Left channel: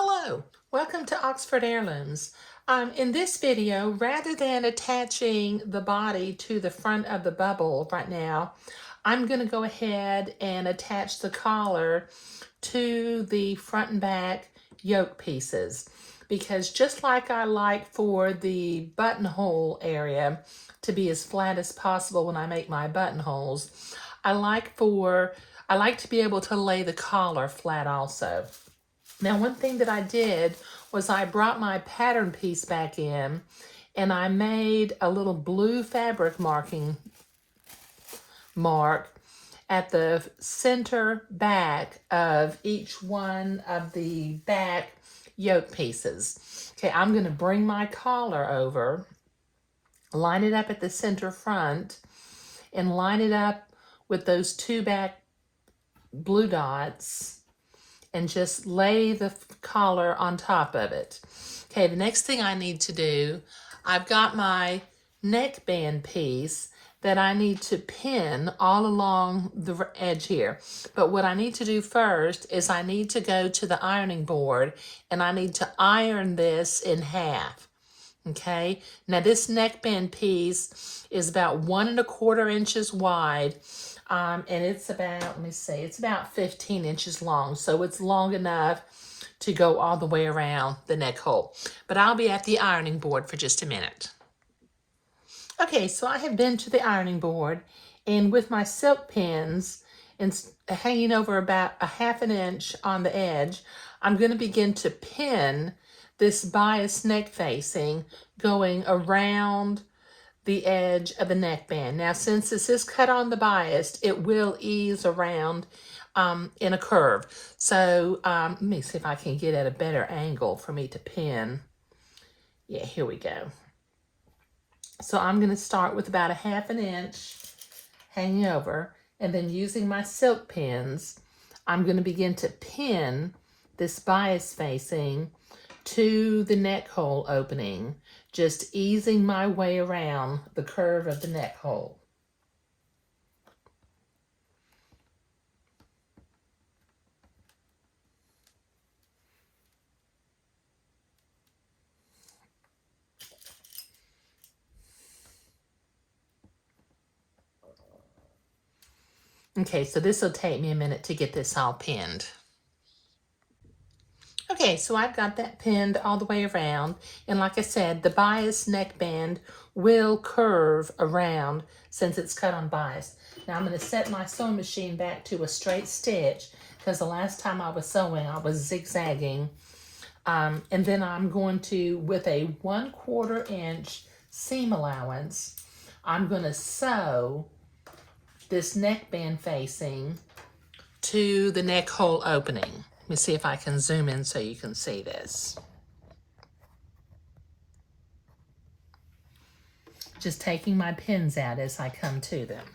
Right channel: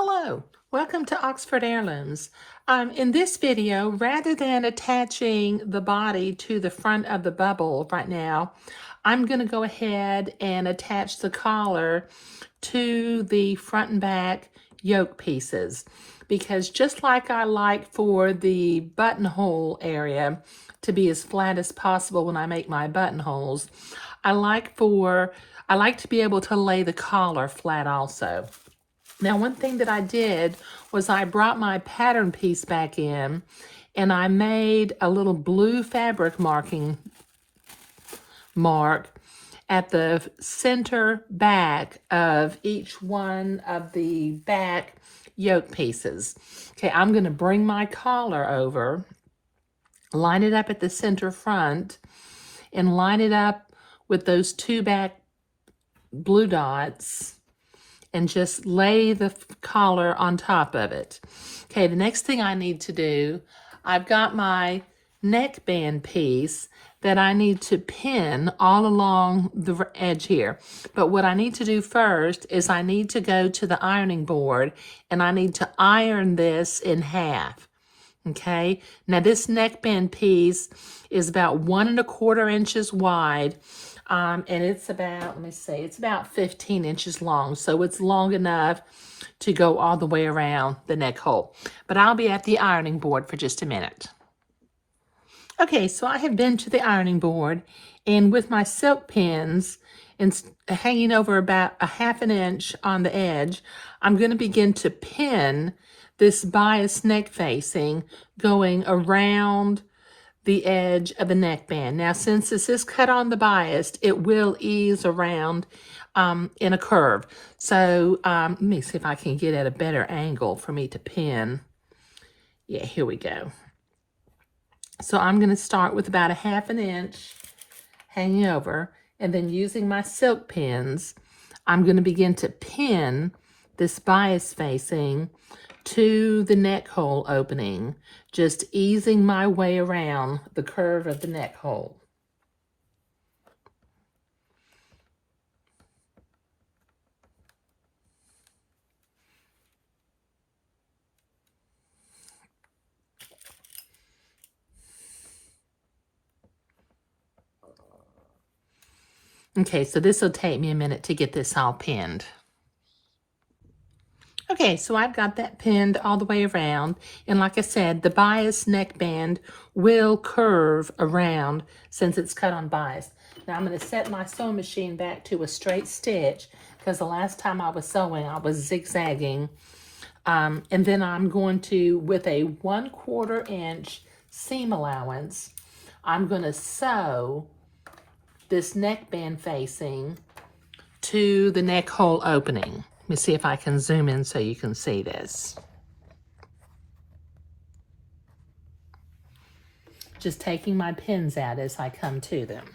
Hello, welcome to Oxford Heirlooms. In this video, rather than attaching the body to the front of the bubble right now, I'm going to go ahead and attach the collar to the front and back yoke pieces, because just like I like for the buttonhole area to be as flat as possible when I make my buttonholes, I like to be able to lay the collar flat also. Now, one thing that I did was I brought my pattern piece back in and I made a little blue fabric mark at the center back of each one of the back yoke pieces. Okay, I'm going to bring my collar over, line it up at the center front, and line it up with those two back blue dots, and just lay the collar on top of it. Okay, the next thing I need to do, I've got my neckband piece that I need to pin all along the edge here. But what I need to do first is I need to go to the ironing board and I need to iron this in half. Okay, now this neckband piece is about 1¼ inches wide. And it's about, let me see, it's about 15 inches long. So it's long enough to go all the way around the neck hole. But I'll be at the ironing board for just a minute. Okay, so I have been to the ironing board, and with my silk pins and hanging over about 1/2 inch on the edge, I'm going to begin to pin this bias neck facing going around the edge of the neckband. Now, since this is cut on the bias, it will ease around in a curve. So let me see if I can get at a better angle for me to pin. Yeah, here we go. So I'm going to start with about 1/2 inch hanging over, and then using my silk pins, I'm going to begin to pin this bias facing to the neck hole opening, just easing my way around the curve of the neck hole. Okay, so this will take me a minute to get this all pinned. Okay, so I've got that pinned all the way around, and like I said, the bias neckband will curve around since it's cut on bias. Now I'm going to set my sewing machine back to a straight stitch, because the last time I was sewing, I was zigzagging. And then I'm going to, with a 1/4 inch seam allowance, I'm going to sew this neckband facing to the neck hole opening. Let me see if I can zoom in so you can see this. Just taking my pins out as I come to them.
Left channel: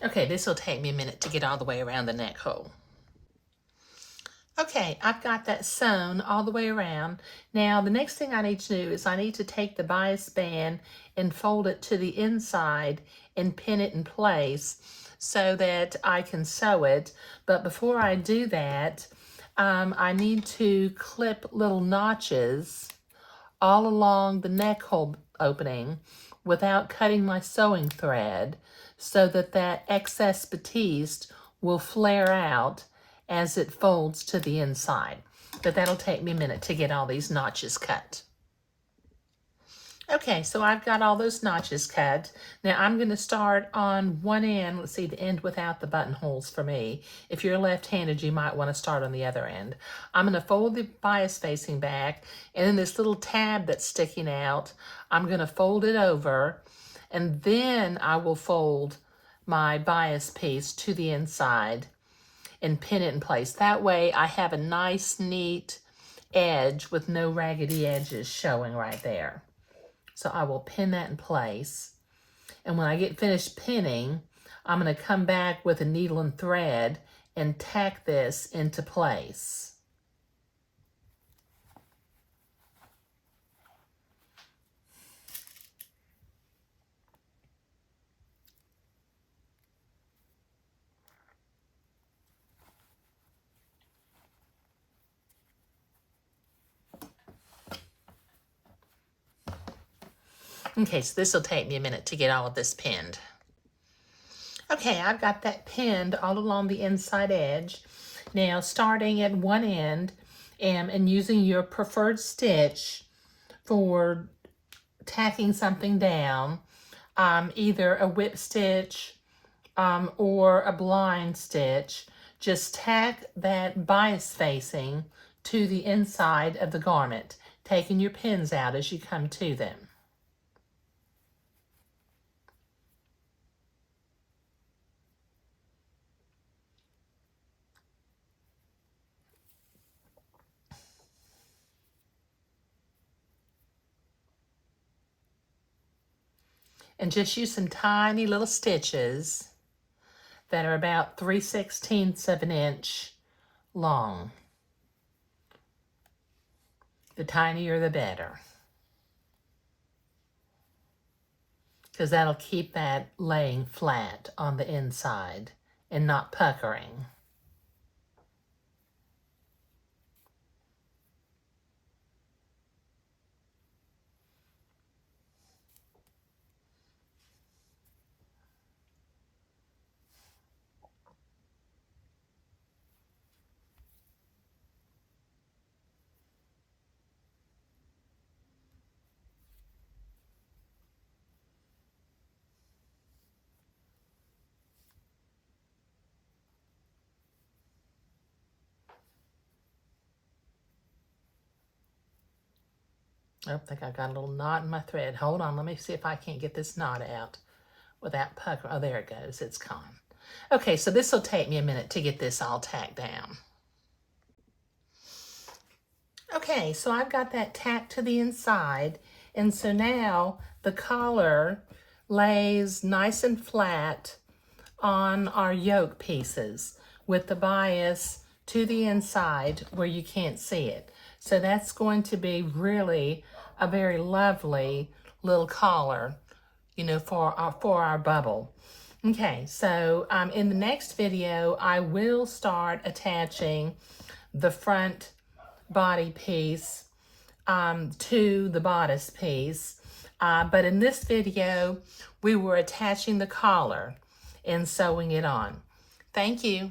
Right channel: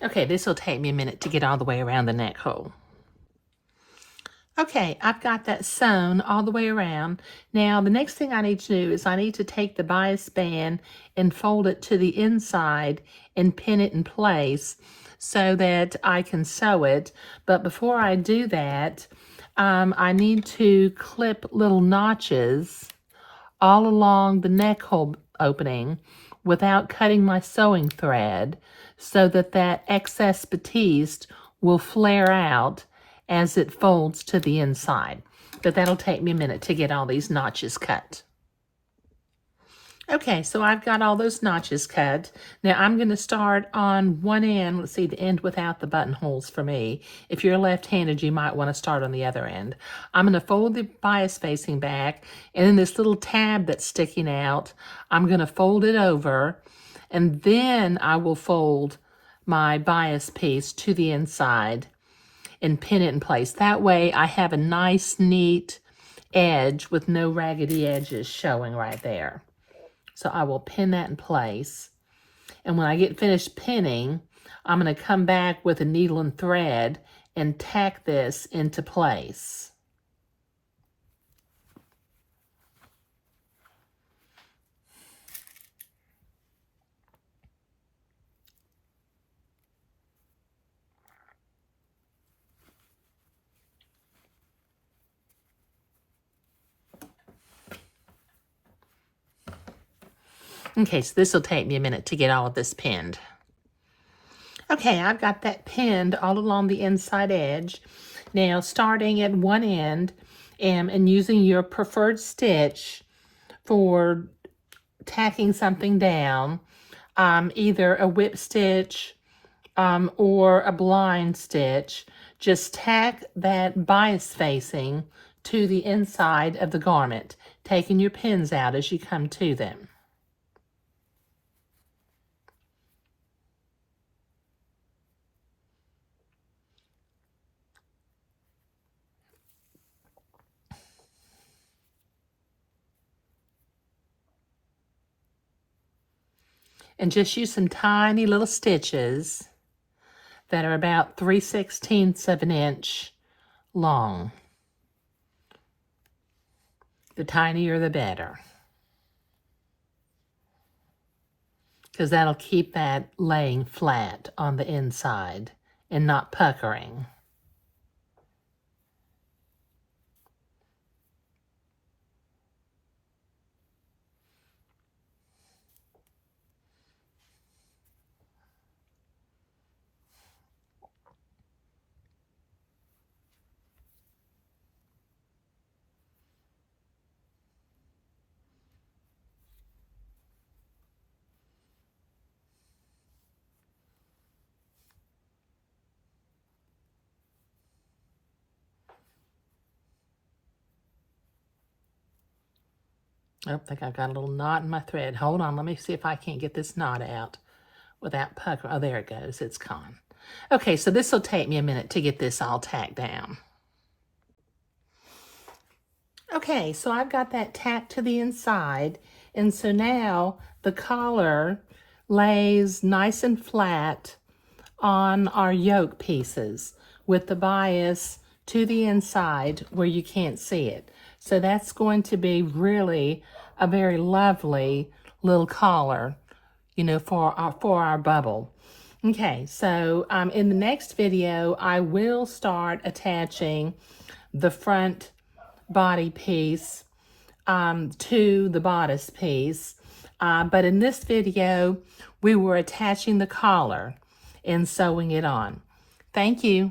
Okay, this will take me a minute to get all the way around the neck hole. Okay, I've got that sewn all the way around. Now, the next thing I need to do is I need to take the bias band and fold it to the inside and pin it in place so that I can sew it. But before I do that, I need to clip little notches all along the neck hole opening without cutting my sewing thread, so that that excess batiste will flare out as it folds to the inside. But that'll take me a minute to get all these notches cut. Okay, so I've got all those notches cut. Now I'm going to start on one end. Let's see, the end without the buttonholes for me. If you're left-handed, you might want to start on the other end. I'm going to fold the bias facing back, and then this little tab that's sticking out, I'm going to fold it over, and then I will fold my bias piece to the inside. and pin it in place. That way I have a nice, neat edge with no raggedy edges showing right there. So I will pin that in place. And when I get finished pinning, I'm going to come back with a needle and thread and tack this into place. Okay, so this will take me a minute to get all of this pinned. Okay, I've got that pinned all along the inside edge. Now, starting at one end and using your preferred stitch for tacking something down, either a whip stitch or a blind stitch, just tack that bias facing to the inside of the garment, taking your pins out as you come to them. And just use some tiny little stitches that are about 3/16 of an inch long. The tinier the better, because that'll keep that laying flat on the inside and not puckering. I think I've got a little knot in my thread. Hold on, let me see if I can't get this knot out without pucker. Oh, there it goes. It's gone. Okay, so this will take me a minute to get this all tacked down. Okay, so I've got that tacked to the inside, and so now the collar lays nice and flat on our yoke pieces with the bias to the inside where you can't see it. So that's going to be really a very lovely little collar, you know, for our bubble. Okay, so in the next video, I will start attaching the front body piece to the bodice piece. But in this video, we were attaching the collar and sewing it on. Thank you.